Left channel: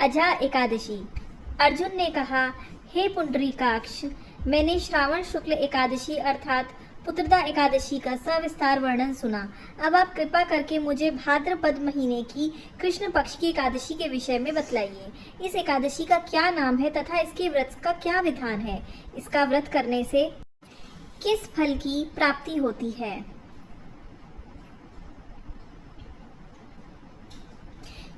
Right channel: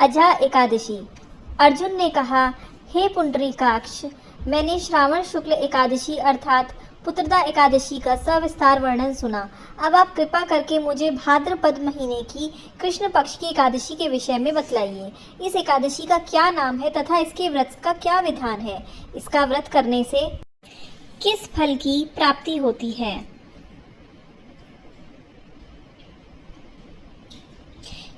अजा एकादशी। अर्जुन ने कहा, हे पुंडरीकाक्ष, मैंने श्रावण शुक्ल एकादशी अर्थात पुत्रदा एकादशी का सविस्तार वर्णन सुना। अब आप कृपा करके मुझे भाद्रपद महीने की कृष्ण पक्ष की एकादशी के विषय में बतलाइए। इस एकादशी का क्या नाम है तथा इसके व्रत का क्या विधान है? इसका व्रत करने से किस फल की प्राप्ति होती है?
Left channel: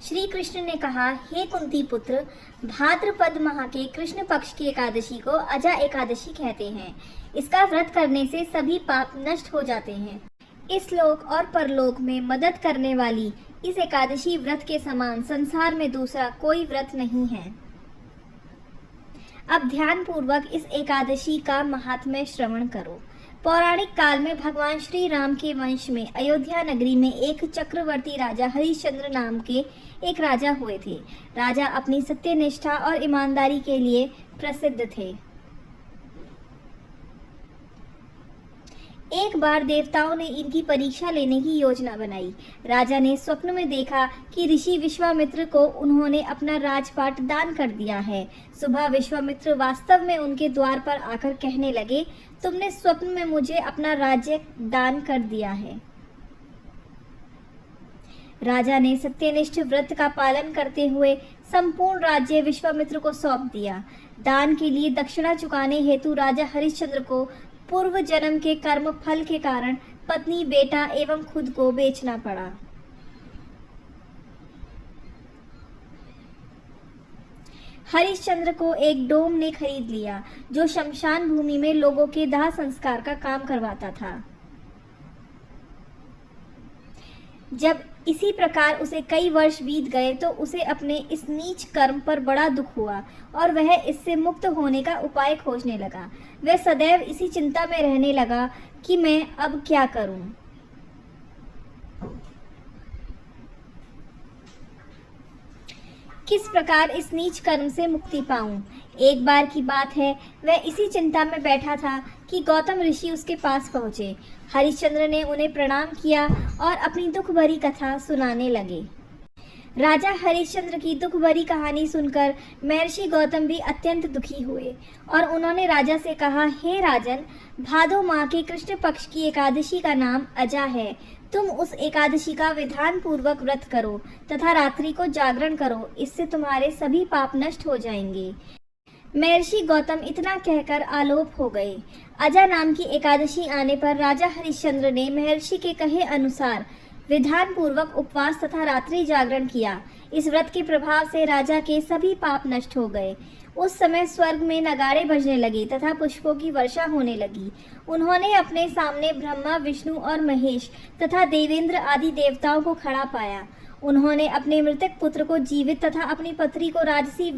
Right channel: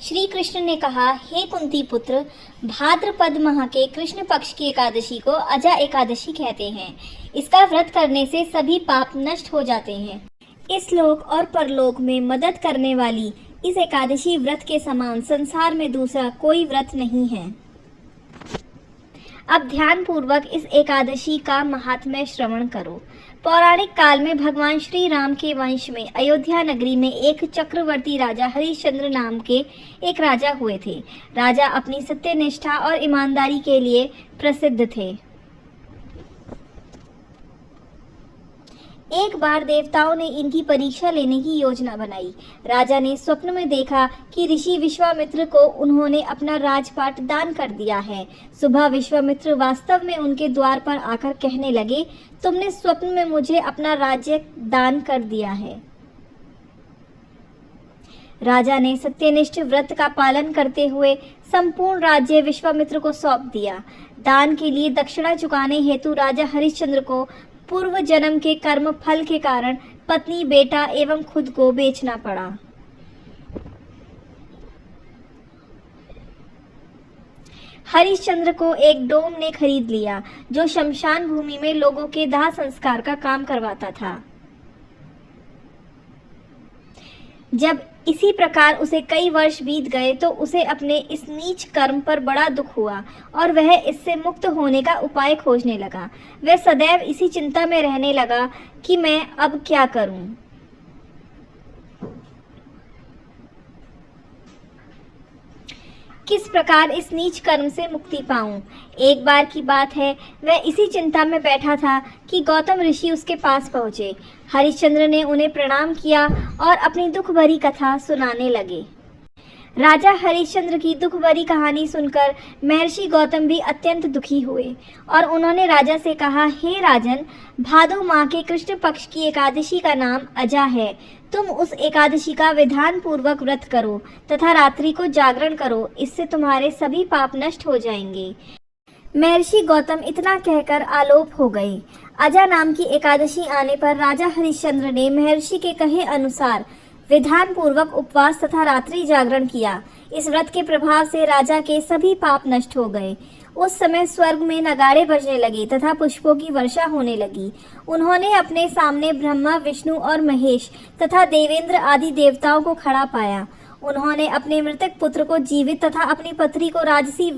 श्री कृष्ण ने कहा, हे कुंती पुत्र, भाद्रपद माह के कृष्ण पक्ष की एकादशी को अजा एकादशी कहते हैं। इसका व्रत करने से सभी पाप नष्ट हो जाते हैं। इस लोक और परलोक में मदद करने वाली इस एकादशी व्रत के समान संसार में दूसरा कोई व्रत नहीं है। अब ध्यान पूर्वक इस एकादशी का महात्म्य श्रवण करो। पौराणिक काल में भगवान श्री राम के वंश में अयोध्या नगरी में एक चक्रवर्ती राजा हरिश्चंद्र नाम के एक राजा हुए थे। राजा अपनी सत्यनिष्ठा और ईमानदारी के लिए प्रसिद्ध थे। एक बार देवताओं ने इनकी परीक्षा लेने की योजना बनाई। राजा ने स्वप्न में देखा कि ऋषि विश्वामित्र को उन्होंने अपना राजपाट दान कर दिया है। सुबह विश्वामित्र वास्तव में उनके द्वार पर आकर कहने लगे, तुमने स्वप्न में मुझे अपना राज्य दान कर दिया है। राजा ने सत्यनिष्ठ व्रत का पालन करते हुए संपूर्ण राज्य विश्वामित्र को सौंप दिया। दान के लिए दक्षिणा चुकाने हेतु राजा हरिश्चंद्र को पूर्व जन्म के कर्म फल के कारण पत्नी, बेटा एवं खुद को बेचना पड़ा। हरिश्चंद्र को एक डोम ने खरीद लिया जो शमशान भूमि में लोगों के दाह संस्कार का काम करवाता था। जब इसी प्रकार उसे कई वर्ष बीत गए तो उसे अपने इस नीच कर्म पर बड़ा दुख हुआ और वह इससे मुक्त होने का उपाय खोजने लगा। वह सदैव इसी चिंता में रहने लगा कि मैं अब क्या करूं। किस प्रकार इस नीच कर्म से मुक्ति पाऊं? एक बार की बात है, वह इसी चिंता में बैठा था कि गौतम ऋषि उसके पास पहुंचे। हरिश्चंद्र ने उन्हें प्रणाम किया और अपनी दुख भरी कथा सुनाने लगे। राजा हरिश्चंद्र की दुख भरी कहानी सुनकर महर्षि गौतम भी अत्यंत दुखी हुए और उन्होंने राजा से कहा, हे राजन, भादो माह के कृष्ण पक्ष की एकादशी का नाम अजा है। तुम उस एकादशी का विधान पूर्वक व्रत करो तथा रात्रि को जागरण करो, इससे तुम्हारे सभी पाप नष्ट हो जाएंगे। महर्षि गौतम इतना कहकर आलोप हो गए। अजा नाम की एकादशी आने पर राजा हरिश्चंद्र ने महर्षि के कहे अनुसार विधान पूर्वक उपवास तथा रात्रि जागरण किया। इस व्रत के प्रभाव से राजा के सभी पाप नष्ट हो गए। उस समय स्वर्ग में नगाड़े बजने लगे तथा पुष्पों की वर्षा होने लगी। उन्होंने अपने सामने ब्रह्मा, विष्णु और महेश तथा देवेंद्र आदि देवताओं को खड़ा पाया। उन्होंने अपने मृतक पुत्र को जीवित तथा अपनी पत्नी को राजसी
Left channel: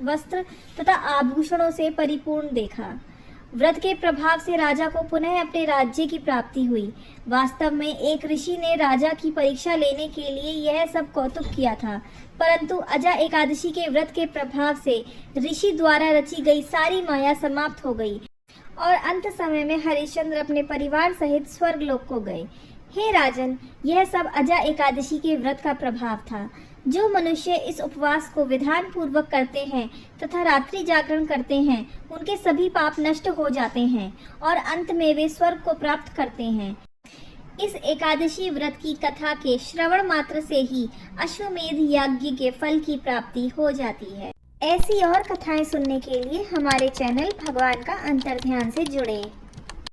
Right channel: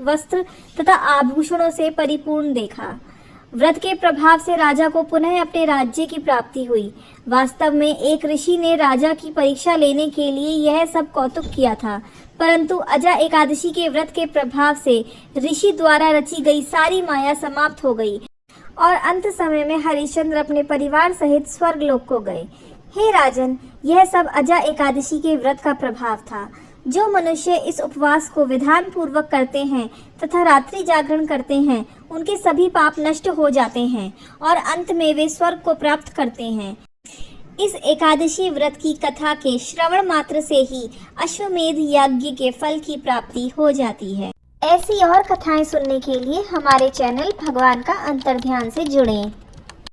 वस्त्र तथा आभूषणों से परिपूर्ण देखा। व्रत के प्रभाव से राजा को पुनः अपने राज्य की प्राप्ति हुई। वास्तव में एक ऋषि ने राजा की परीक्षा लेने के लिए यह सब कौतुक किया था, परंतु अजा एकादशी के व्रत के प्रभाव से ऋषि द्वारा रची गई सारी माया समाप्त हो गई और अंत समय में हरिश्चंद्र अपने परिवार सहित स्वर्गलोक को गए। हे राजन, यह सब अजा एकादशी के व्रत का प्रभाव था। जो मनुष्य इस उपवास को विधान पूर्वक करते हैं तथा रात्रि जागरण करते हैं, उनके सभी पाप नष्ट हो जाते हैं और अंत में वे स्वर्ग को प्राप्त करते हैं। इस एकादशी व्रत की कथा के श्रवण मात्र से ही अश्वमेध यज्ञ के फल की प्राप्ति हो जाती है। ऐसी और कथाएं सुनने के लिए हमारे चैनल भगवान का अंतर्ध्यान से जुड़ें।